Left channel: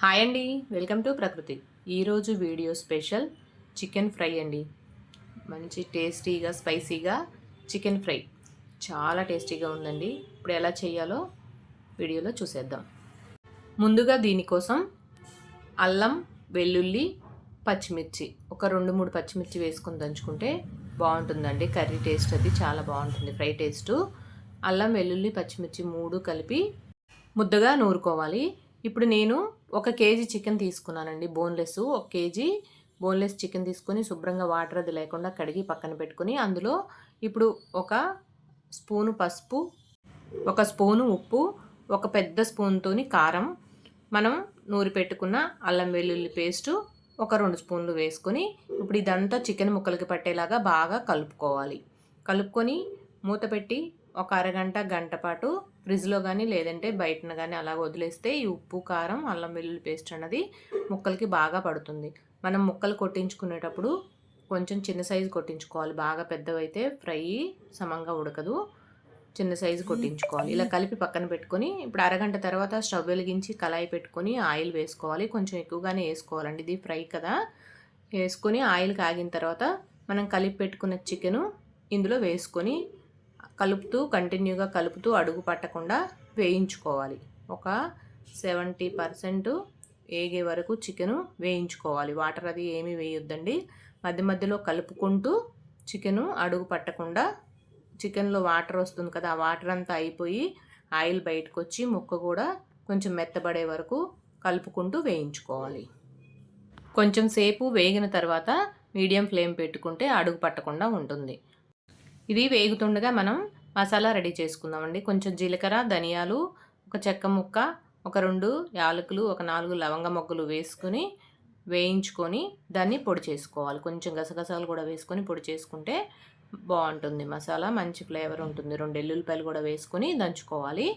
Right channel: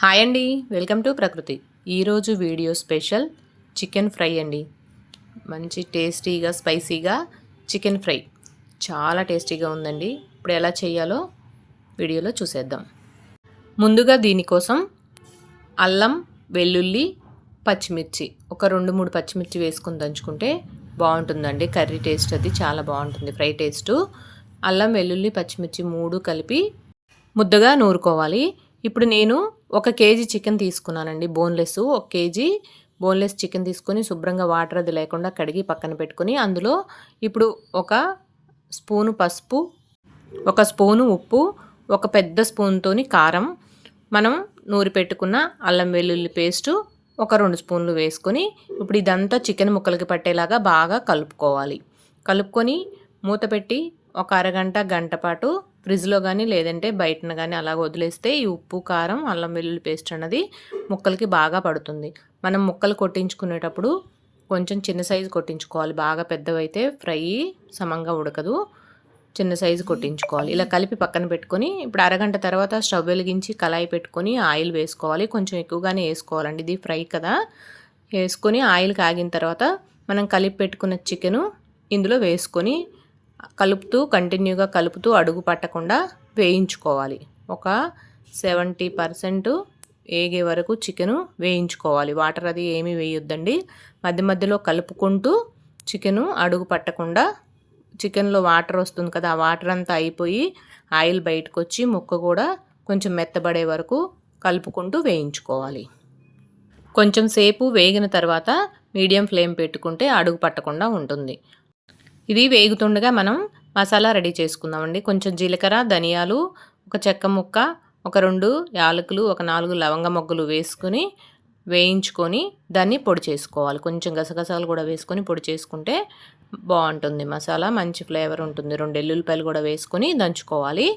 Hi అండి welcome to ప్రకృతి. ఈరోజు వీడియో స్పెషల్ చికెన్ ఫ్రై అండి. మంచి టేస్టీగా స్పైసీగా చికెన్ ఫ్రై. చాలా టేస్టీగా ఉందండి. ఇప్పుడు ఎలా చేయాలో వీడియోలో చూసేద్దాం. ముందుగా దీనికోసం అల్లం వెల్లుల్లి పచ్చిమిర్చి. ఒక రెండు మూడు పచ్చిమిర్చి వేసుకొని దంచుకుంటే బాగుంటుందండి. కర్రీ టేస్ట్ అది చాలా బాగుంటుంది ఫ్రై టేస్టు. అల్లం వెల్లుల్లి పచ్చిమిర్చి మూడు కలిపి ముద్దగా నూరుకోవాలి. ఇప్పుడు నేను ఒక కేజీ చికెన్ తీసుకున్నానండి బోన్లెస్. ఒక కేజీ బోన్లెస్ చికెన్ తీసుకొని శుభ్రంగా వాటర్ అది లేకుండా కడిగి పక్కన పెట్టుకొని అందులో ఇప్పుడు ఒక స్పూను పసుపు ఒక స్పూను ఉప్పు ఒక పెద్ద స్పూన్తోని కారం మనం నూరి పెట్టుకున్న అల్లం వెల్లుల్లి పేస్టు ఒక రెండు స్పూన్లు వేసుకొని ఇప్పుడు ఇదంతా చికెన్ ముక్కలకి పట్టేలాగా బాగా కలుపుకోవాలి. కలుపుకొని మూత పెట్టి ఒక అరగంట గంట పాటు ఫ్రిడ్జ్లో కానీ లేదంటే బయటన కానీ అలా వదిలేస్తే ఈ ఉప్పు కారం అల్లం వెల్లుల్లి పేస్ట్ అన్నది ముక్కలకి బాగా పడుతుంది. మనం ముక్కలు కొట్టించుకునేటప్పుడు కొంచెం చిన్న సైజు కొట్టించుకోవాలి. బాగా పెద్దవైతే ఫ్రై సమంగా ఉడకదు. చిన్న సైజు కొట్టించుకోవాలి. ఇలా కలిపి పక్కన పెట్టుకొని ఇప్పుడు అరగంట తర్వాత స్టవ్ వెలిగించి కళాయి పెట్టుకొని ఆయిల్ వేసుకోవాలి. కొంచెం ఎక్కువగానే వేసుకోవాలండి. ఇది ఫ్రై కదా. వేసుకొని ఆయిల్ కాగిన తర్వాత మనం కలిపి పెట్టుకున్న చికెను ఇందులో వేసుకొని కలుపుతూ కంటిన్యూగా కలుపుతూ అడుగు పట్టకుండా వేయించుకోవాలి. ఒక సెవెంటీ పర్సెంట్ వేగే వరకు చికెను వేయించుకోవాలి. వాటర్ అది ఏమీ వేయొద్దండి. మధ్య మధ్యలో కలుపుకుంటూ చికెను అడుగు పట్టకుండా చికెన్లో వాటర్ వస్తుంది కదా ఆ వాటర్ అంతా అయిపోయి ఆయిల్ బయటకు వచ్చి ముక్క కూడా కొంచెం మెత్తబడే వరకు కలుపుకుంటూ వేయించుకోవాలి. కొంచెం సేపు వేగిన తర్వాత మీడియం ఫ్లేమ్ పెట్టుకుంటే అడుగు పట్టకుండా ఉంటుంది. ఇది వేగుతుండగా మనం మసాలా రెడీ చేసుకుందామండి. కొంచెం జీలకర్ర ధనియాలు ఒక చెక్క ముక్క ఒక రెండు యాలకులు ఒక నాలుగు లవంగ మొగ్గలు వేసుకుని వేయించుకొని దాన్ని పొడి చేసుకోవాలి. కొంచెం గసగసాలు కూడా వేసుకొని పొడి చేసుకుంటే బాగుంటుంది మసాలా. మంచి ఫ్లేవర్ ఉంటుంది. రెండు ఎల్లుల్లిపాయలు కూడా వేసుకొని దంచుకోవాలి.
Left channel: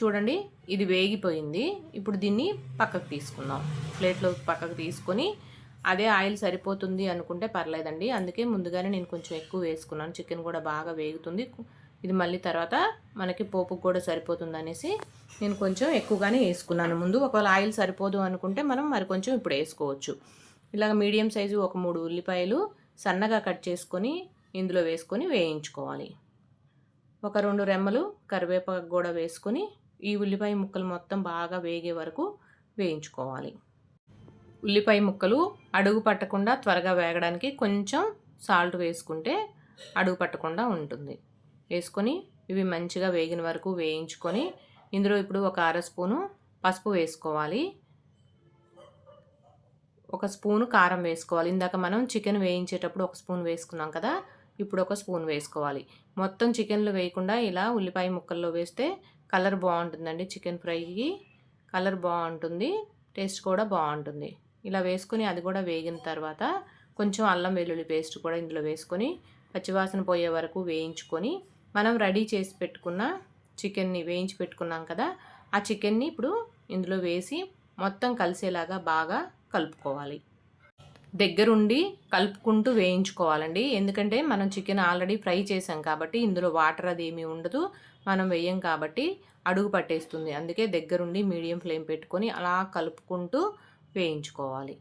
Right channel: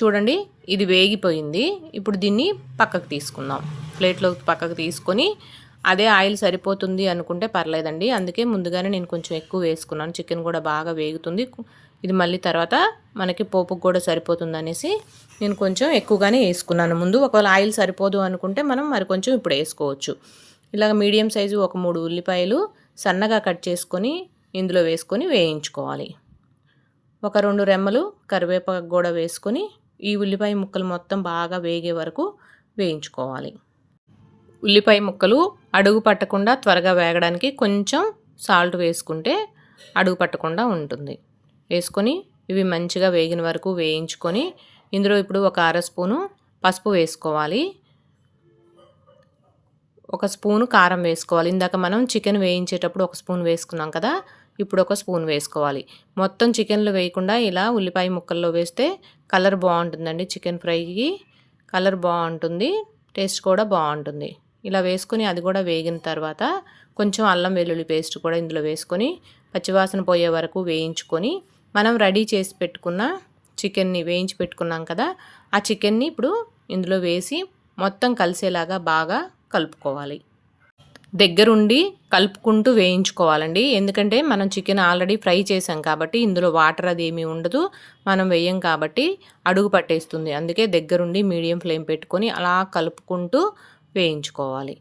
చూడండి ఇది వేగిపోయింది. ఇప్పుడు దీన్ని పక్కకు తీసుకుందాం. ప్లేట్లో పక్కకు తీసుకొని అదే ఆయిల్ సరిపోతుంది అనుకుంటే పర్లేదండి. అందుకే ముందుగానే నేను కొంచెం ఎక్కువ వేసుకున్నాను. చికెన్ కూడా బాగా వేగుతుంది. ఇది మళ్ళీ తర్వాత మనకి పోపుకు కూడా సరిపోతుంది అనేసి నేను కొంచెం ఎక్కువగానే వేసుకున్నాను. ముందు ఒకవేళ ఆయిల్ సరిపోదు అనుకుంటే మనం మరి కొంచెం ఇప్పుడు వేసుకోవచ్చు. ఇలాగ మీడియం సైజు ఒక మూడు ఉల్లిపాయలు సన్నగా కట్ చేసుకొని ఇందులో వేసుకొని వేయించుకోవాలి. ఒక రెండు రెమ్మలు కరివేపాకు కూడా వేసుకొని ఈ ఉల్లిపాయ ముక్కలు మొత్తం బాగా వేగే వరకు వేయించుకోవాలి. ఉల్లిపాయ ముక్కలు అడుగు పట్టకుండా త్వరగా వేగడానికి కొంచెం సాల్ట్ వేసుకుంటే అడుగు పట్టకుండా ఉంటుంది. వేసుకొని ఇవి మంచిగా వేగిన వరకు వేయించుకొని ఇందులో ఇప్పుడు ఒక అర స్పూను పసుపు వేసుకోవాలి. ఒక స్పూను కారం వేసుకోవాలి. ఇందాక మనం చికెన్ వేయించేటప్పుడు ఒక స్పూన్ వేసుకున్నాం కదా ఇప్పుడు ఒక స్పూన్ వేసుకోవాలి. మొత్తం చికెన్లో వేయకుండా ఇలా ఉల్లిపాయ ముక్కల్లో వేస్తే కలర్ బాగుంటుందండి చికెన్ ఫ్రైకి. కలర్ బాగుంటుంది టేస్ట్ కూడా బాగుంటుంది. ఇలా వేసుకొని అది కూడా వేగిన తర్వాత కొంచెం అల్లం వెల్లుల్లి పేస్ట్ కూడా ఇందులో వేసుకొని పచ్చివాసన పోయే వరకు వేయించుకొని మనం రెడీ చేసి పెట్టుకున్న చికెన్ని వేయించి పెట్టుకున్నాం కదా ఆ చికెన్ని ఇప్పుడు ఇందులో వేసి మొత్తం కలిసేలాగా బాగా కలుపుకోవాలి. దగ్గరుండి కలుపుకుంటూ వేయించుకోవాలండి. ఎందుకంటే మనం చికెన్ ఆల్రెడీ ఫ్రై చేసాం కాబట్టి ఇందులో వాటర్ అది ఏమీ ఉండదు మనం వేయం కాబట్టి అడుగు పట్టేస్తుంది. అందుకే దగ్గరుండి మీడియం ఫ్లేమ్ పెట్టుకొని అలా కలుపుకుంటూ వేయించుకోవాలి.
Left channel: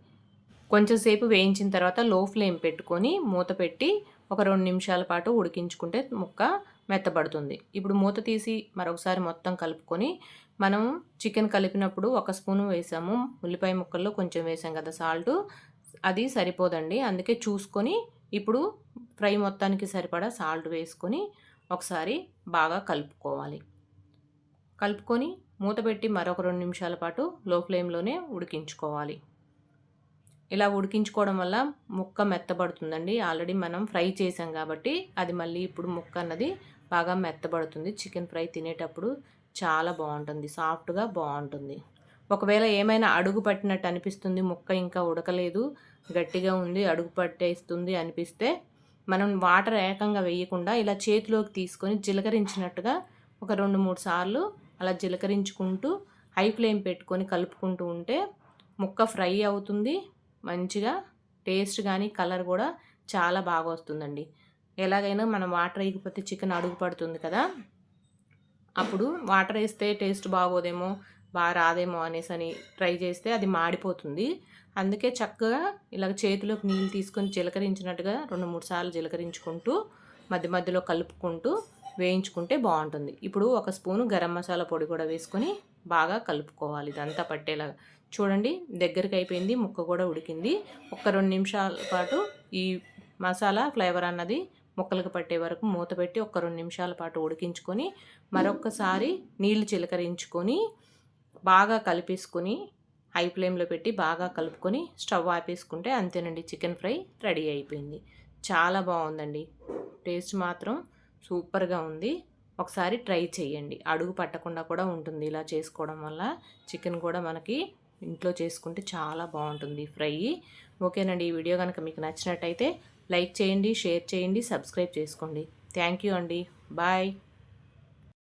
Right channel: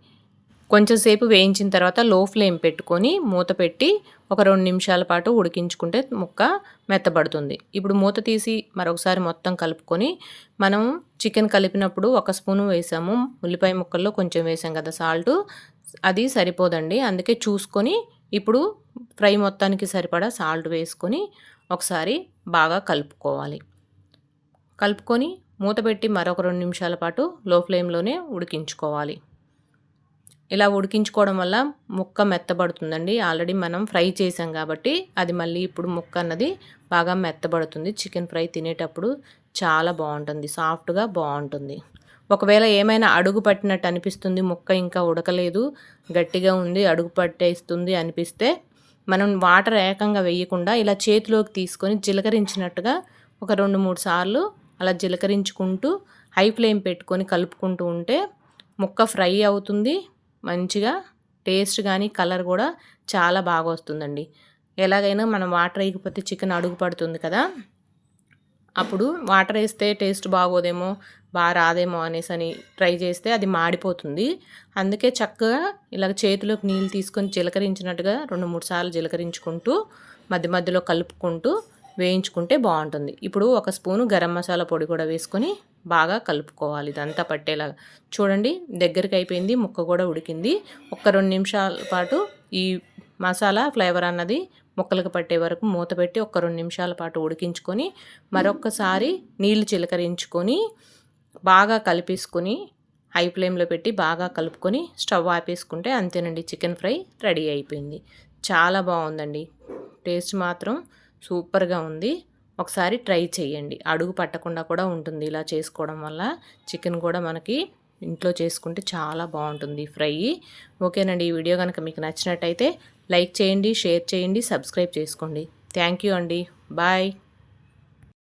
కొంచెంసేపు వేయించిన తర్వాత లో ఫ్లేమ్ పెట్టుకొని మూత పెట్టి ఒక రెండు నిమిషాల పాటు ఉడికించుకుంటే ముక్క మెత్తబడుతుంది. ఇప్పుడు మూత తీసి మరొకసారి మొత్తం కలుపుకొని మనం చికెన్ కలిపినప్పుడు ఒక స్పూను వేసాము. ఉల్లిపాయ ముక్కల్లో కొంచెం వేసాం కదా సాల్ట్. అది సరిపోదండి. అందుకే చూసుకొని ఇప్పుడు ఫ్రై మొత్తానికి సరిపడా సాల్ట్ వేసుకొని ఒకసారి బాగా కలుపుకోవాలి. కలుపుకొని మూత పెట్టి మరొక రెండు నిమిషాల పాటు లో ఫ్లేమ్లోనే ఉడికించుకోవాలి. ఇలా ఉడికించుకోవడం వల్ల ముక్క మెత్తబడుతుందండి. ఆల్రెడీ మనం ఫ్రై చేసాం కాబట్టి అది మళ్ళీ ఇప్పుడు ముక్క అన్నది బాగా మెత్తబడుతుంది. చికెన్ ఫ్రై తినేటప్పుడు చాలా బాగుంటుంది. సాఫ్ట్గా బాగుంటుంది. ఒకవేళ ఏమైనా అడుగు పట్టినట్టు అనిపిస్తుంది ముక్క ఇంకా ఉడకలేదు గట్టిగా ఉంది అడుగు పట్టేస్తుంది అనిపిస్తే మనం వాటర్ ఏకంగా వేయకుండా ఇలా చేతిలోకి తీసుకొని జిలకరించినట్టుగా ఒక రెండు మూడు సార్లు అలా జీలకరించుకుంటూ హై ఫ్లేమ్ పెట్టుకొని కలుపుకుంటూ ఉంటే ముక్క ఫ్రై అవుతుంది. మంచిగా టేస్ట్ కానీ కలర్ కూడా చాలా బాగా వస్తుందండి. ఎలాగైనా మనం వాటర్ వేయకపోతే చికెన్ అడుగు పడుతుంది కదా. అప్పుడు వాటర్ వేస్తే టేస్ట్ బాగోదేమో బాగా రాదేమో అనేసి అని ట్రై చేస్తే అది మాడిపోతుంది. అందుకే చక్కగా ఇలాగ చేతిలోకి నీళ్ళు తీసుకొని జిలకరించినట్టుగా రెండు మూడు సార్లు జిలకరించుకుంటూ మధ్య మధ్యలో కలుపుకుంటూ వేయించుకుంటే బాగుంటుంది. ఇప్పుడు ఒక స్పూను గరం మసాలా పొడి కూడా వేసుకొని బాగా కలుపుకోవాలి. ఇదంతా పట్టేలాగా. చూడండి దగ్గరికి అయిపోయింది ముక్క కూడా ఉడికింది. ఒక రెండు నిమిషాల పాటు ఈ మసాలా ఫ్లేవర్ అన్నది ముక్కలకు పట్టే వరకు మూత పెట్టి ఒక రెండు నిమిషాల పాటు ఉడికించుకొని మరొకసారి నీళ్ళు చిలకరించుకొని బాగా కలిపేసుకొని హై ఫ్లేమ్లో పెట్టి బాగా కలుపుకొని స్టవ్ ఆపేసుకుంటే అంతేనండి చికెన్ ఫ్రై రెడీ అయిపోయింది. చాలా బాగుందండి. టేస్ట్ మాత్రం సూపర్గా ఉంది. ఒకసారి ట్రై చేయండి. అడుగు పట్టకుండా కూడా ఉంటుంది. ఇలా చేసుకోవడం వల్ల చికెన్ కూడా మనకి ఇంట్లో చేసుకుంటే చాలా బాగుంటుంది ఫ్రై. ఓకేనండి. ఈ వీడియో కనుక మీకు నచ్చినట్టయితే లైక్ చేయండి షేర్ చేయండి సబ్స్క్రైబ్ చేసుకోండి. థ్యాంక్ యూ అండి. బాయ్.